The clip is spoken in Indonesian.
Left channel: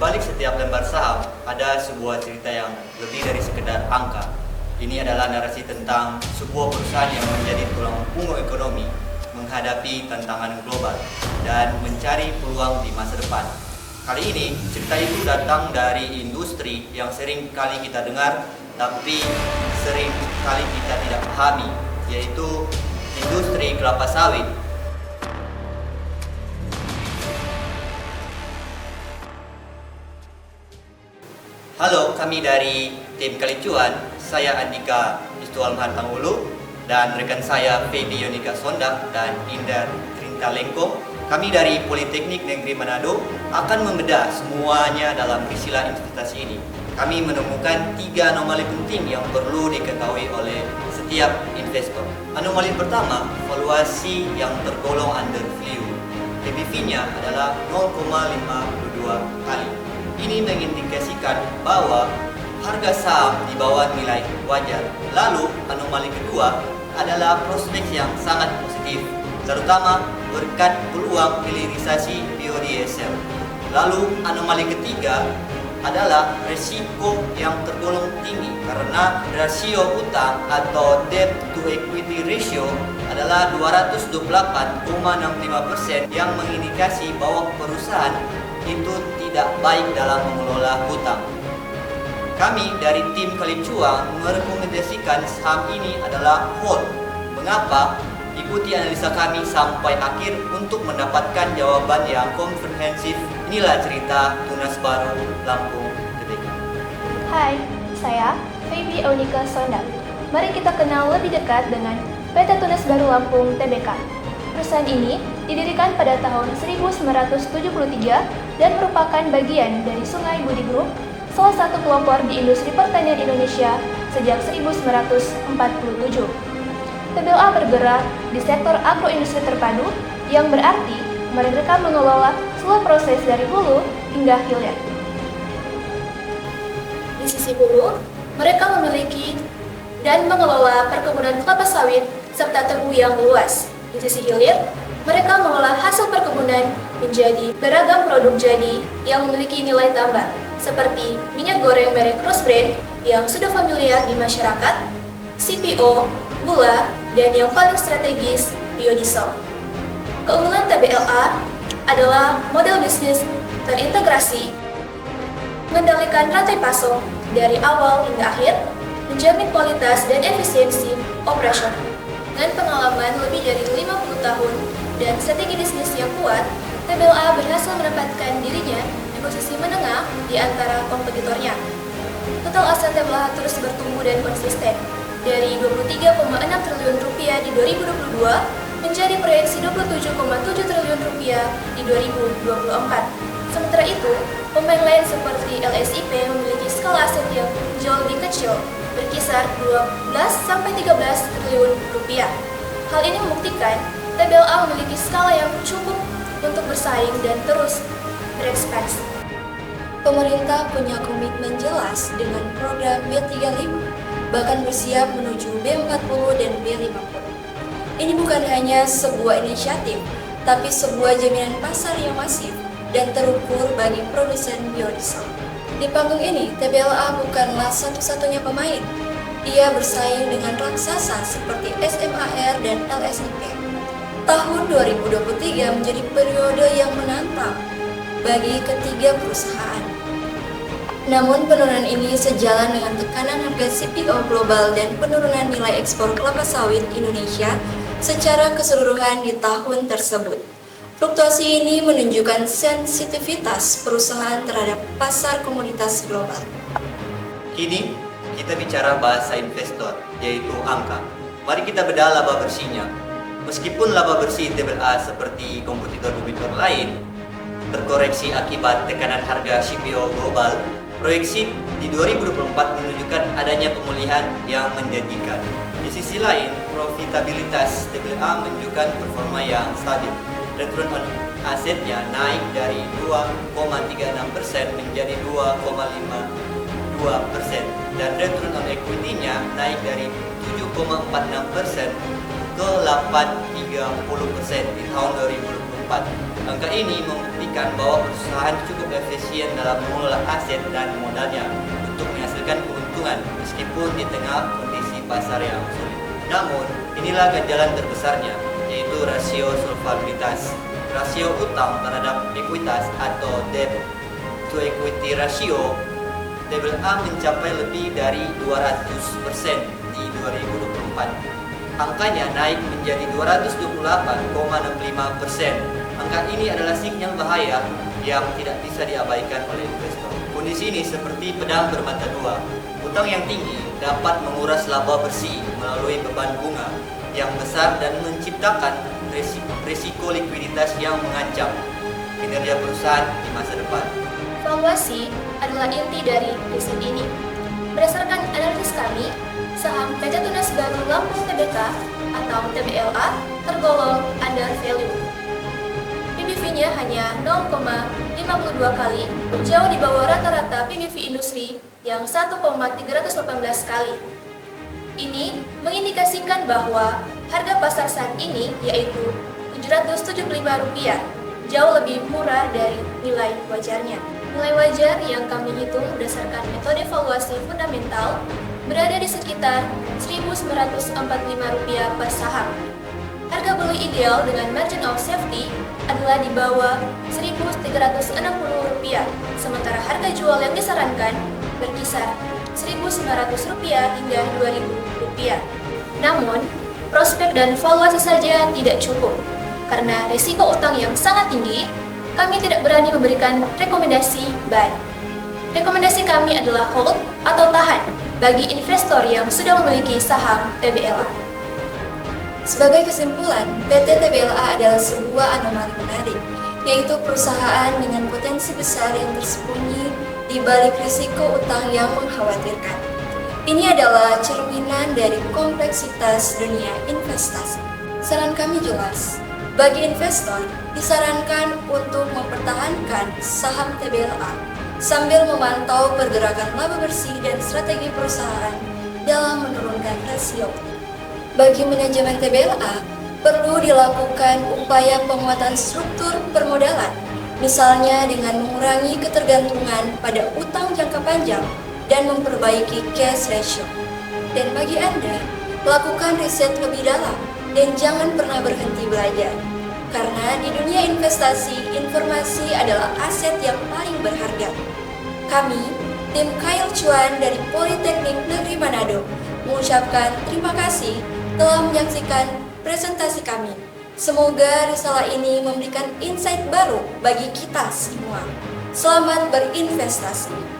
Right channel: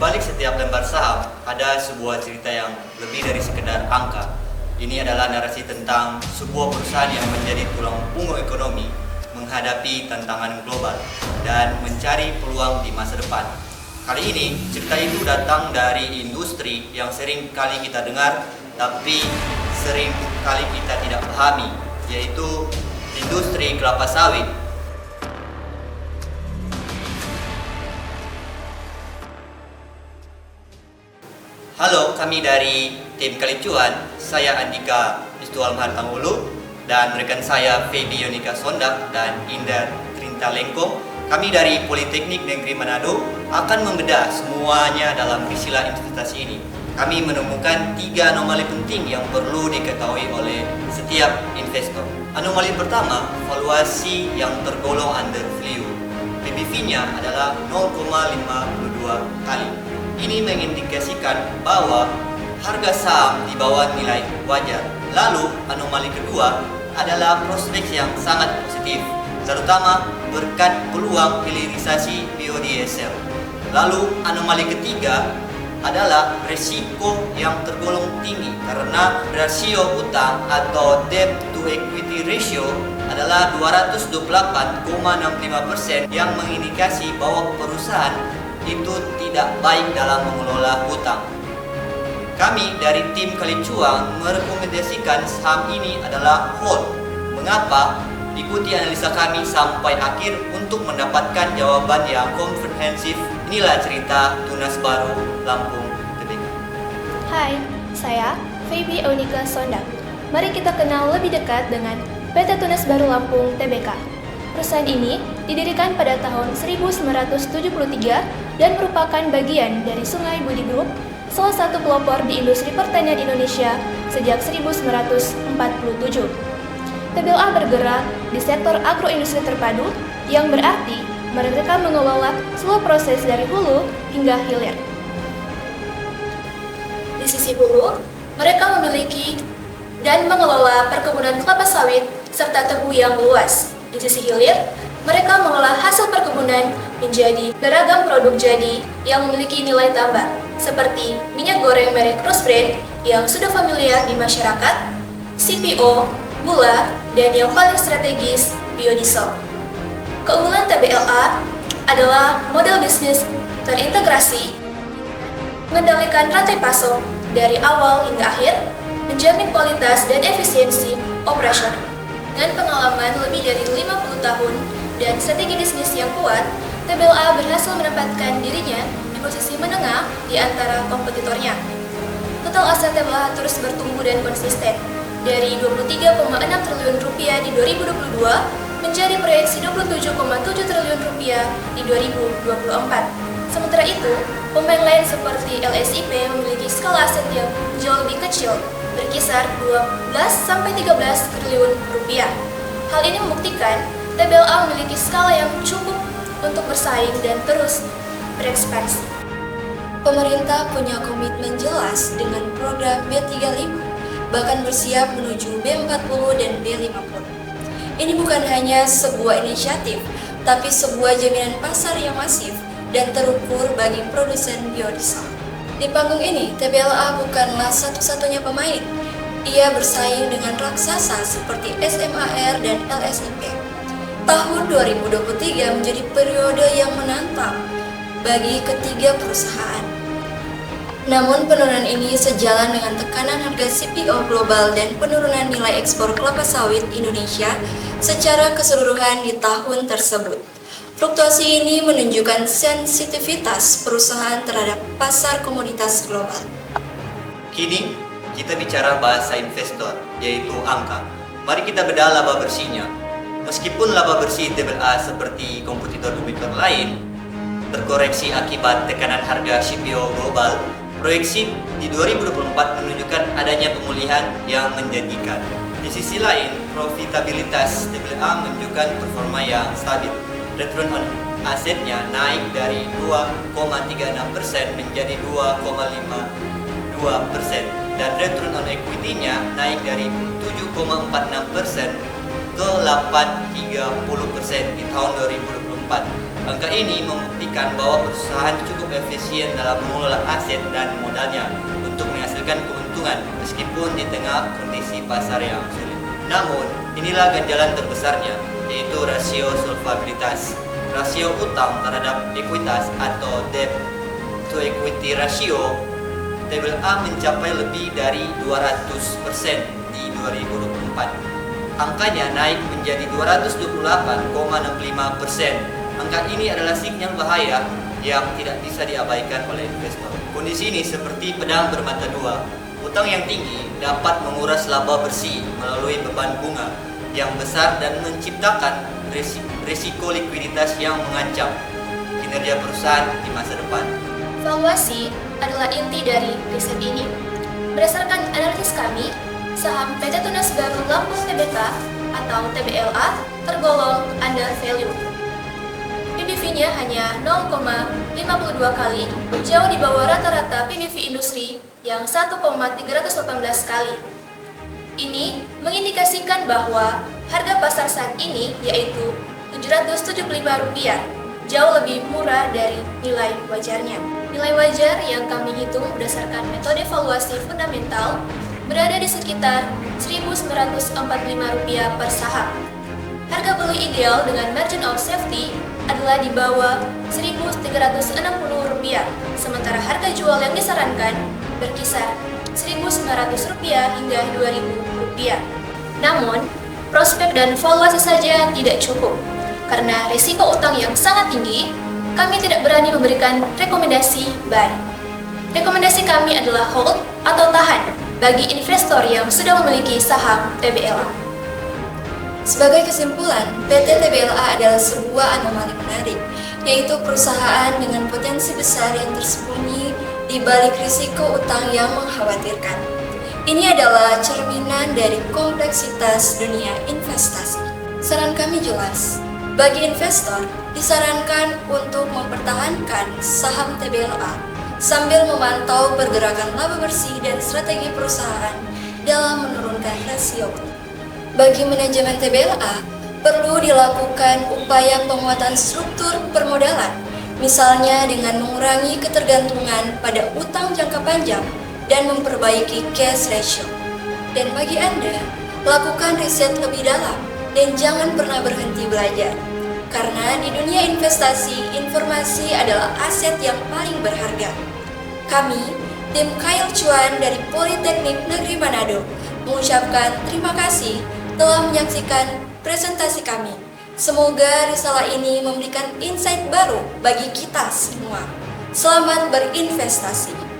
balik setiap lembar saham ada sebuah cerita yang lebih dari sekedar angka. Ini adalah narasi tentang sebuah perusahaan yang menjadi tulang punggung ekonomi, menghadapi tantangan global, dan mencari peluang di masa depan. Kali ini, cerita itu datang dari industri yang sering kali kita dengar, tapi sering kali kita tidak pahami, yaitu industri kelapa sawit. Halo, kami dari tim Kalicuan. Saya Andika Istual Mahartangulu dan rekan saya Feby Yonika Sondak dan Indar Trintalengko. Kami dari Politeknik Negeri Manado akan membedah semuanya dalam risila investasi ini. Kami menemukan 3 anomali penting yang perlu diketahui oleh setiap investor. Anomali pertama, valuasi yang tergolong under value. PBV-nya adalah 0,52 kali. Ini mengindikasikan bahwa harga saham di bawah nilai wajar. Lalu, anomali kedua adalah prospek yang sangat positif, terutama berkat peluang hilirisasi biodiesel. Lalu, anomali ketiga adalah risiko yang tergolong tinggi karena rasio utang atau debt to equity ratio adalah 228,65% yang mengindikasi bahwa perusahaan itu tidak baik dalam mengelola hutang. Kami dari tim Kalicuan merekomendasikan saham ini adalah hold. Mengapa? Ikuti analisa kami sampai akhir untuk mendapatkan jawaban yang komprehensif. Inilah cerita Tunas Baru Lampung Tbk. Hai, saya Feby Yonika Sondak. Mari kita kenal lebih dekat dengan PT Tunas Baru Lampung Tbk. Perusahaan ini didirikan pada tahun 1973 dan merupakan bagian dari Sungai Budi Group, salah satu pelopor di industri pertanian Indonesia sejak 1947. TBLA bergerak di sektor agroindustri terpadu yang berarti mereka mengelola seluruh proses dari hulu hingga hilir. Di sisi hulu, mereka memiliki dan mengelola perkebunan kelapa sawit serta tebu yang luas. Di sisi hilir, mereka mengolah hasil perkebunan menjadi beragam produk jadi yang memiliki nilai tambah, seperti minyak goreng merek Rose Brand yang sudah familiar di masyarakat, CPO, gula, dan yang paling strategis, biodiesel. Keunggulan TBLA adalah model bisnis terintegrasi, mengendalikan rantai pasok dari awal hingga akhir, menjamin kualitas dan efisiensi operasional. Dengan pengalaman lebih dari 50 tahun dan strategi bisnis yang kuat, TBLA berhasil menempatkan dirinya di posisi menengah di antara kompetitornya. Total aset TBLA terus bertumbuh dan konsisten, dari 23,6 triliun rupiah di 2022 menjadi proyeksi 27,7 triliun rupiah di 2024. Sementara itu, pemain lain seperti LSIP memiliki skala aset yang jauh lebih kecil, berkisar 12-13 triliun rupiah. Hal ini membuktikan TBLA memiliki skala yang cukup untuk bersaing dan terus berekspansi. Pemerintah punya komitmen jelas dengan program B35, bahkan bersiap menuju B40 dan B50. Ini bukan hanya sebuah inisiatif, tapi sebuah jaminan pasar yang masif dan terukur bagi produsen biodiesel. Di panggung ini, TBLA bukanlah satu-satunya pemain. Ia bersaing dengan raksasa seperti SMAR dan LSIP. Tahun 2023 menjadi periode yang menantang bagi ketiga perusahaan. Namun penurunan ini sejalan dengan tekanan harga CPO global dan penurunan nilai ekspor kelapa sawit Indonesia secara keseluruhan di tahun tersebut. Fluktuasi ini menunjukkan sensitivitas perusahaan terhadap pasar komoditas global. Kini kita bicara bahasa investor, yaitu angka. Mari kita bedah laba bersihnya. Meskipun laba bersih TBLA seperti kompetitor-kompetitor lain terkoreksi akibat tekanan harga CPO global, proyeksi di 2024 menunjukkan adanya pemulihan yang menjanjikan. Di sisi lain, profitabilitas TBLA menunjukkan performa yang stabil. Return on asetnya naik dari 2,36% menjadi 2,52% dan return on equity-nya naik dari 7,46% ke 8,30% di tahun 2024. Angka ini membuktikan bahwa perusahaan cukup efisien dalam mengelola aset dan modalnya untuk menghasilkan keuntungan meskipun di tengah kondisi pasar yang sulit. Namun, inilah ganjalan terbesarnya, yaitu rasio solvabilitas. Rasio utang terhadap ekuitas atau debt to equity ratio tabel A mencapai lebih dari 200% di 2024. Angkanya naik menjadi 228,65%. Angka ini adalah sinyal bahaya yang tidak bisa diabaikan oleh investor. Kondisi ini seperti pedang bermata dua. Utang yang tinggi dapat menguras laba bersih melalui beban bunga yang besar dan menciptakan risiko likuiditas yang mengancam kinerja perusahaan di masa depan. Valuasi adalah inti dari riset ini. Berdasarkan analisis kami, saham PT Tunas Baru Lampung Tbk atau TBLA tergolong undervalue. PBV-nya hanya 0,52 kali, jauh di bawah rata-rata PBV industri yang 1,318 kali. Ini mengindikasikan bahwa harga pasar saat ini yaitu Rp775, jauh lebih murah dari nilai wajarnya. Nilai wajar yang kami hitung berdasarkan metode valuasi fundamental berada di sekitar Rp1.945 per saham. Harga beli ideal dengan margin of safety adalah di bawah Rp1.360, sementara harga jual yang disarankan berkisar Rp1.900 hingga Rp2.000. Namun, prospek dan valuasi saja tidak cukup. Karena risiko utang yang sangat tinggi, kami tidak berani memberikan rekomendasi buy. Rekomendasi kami adalah hold atau tahan bagi investor yang sudah memiliki saham TBLA. Sebagai kesimpulan, PT TBLA adalah sebuah anomali menarik, yaitu perusahaan dengan potensi besar yang tersembunyi di balik risiko utang yang mengkhawatirkan. Ini adalah cerminan dari kompleksitas dunia investasi. Saran kami jelas, bagi investor disarankan untuk mempertahankan saham TBLA sambil memantau pergerakan laba bersih dan strategi perusahaan dalam menurunkan rasio. Bagi manajemen TBLA, perlu dilakukan upaya penguatan struktur permodalan, misalnya dengan mengurangi ketergantungan pada utang jangka panjang dan memperbaiki cash ratio. Dan bagi Anda, lakukan riset lebih dalam dan jangan pernah berhenti belajar. Karena di dunia investasi, informasi adalah aset yang paling berharga. Kami, tim Kyle Chuan dari Politeknik Negeri Manado, mengucapkan terima kasih telah menyaksikan presentasi kami. Semoga risalah ini memberikan insight baru bagi kita semua. Selamat berinvestasi.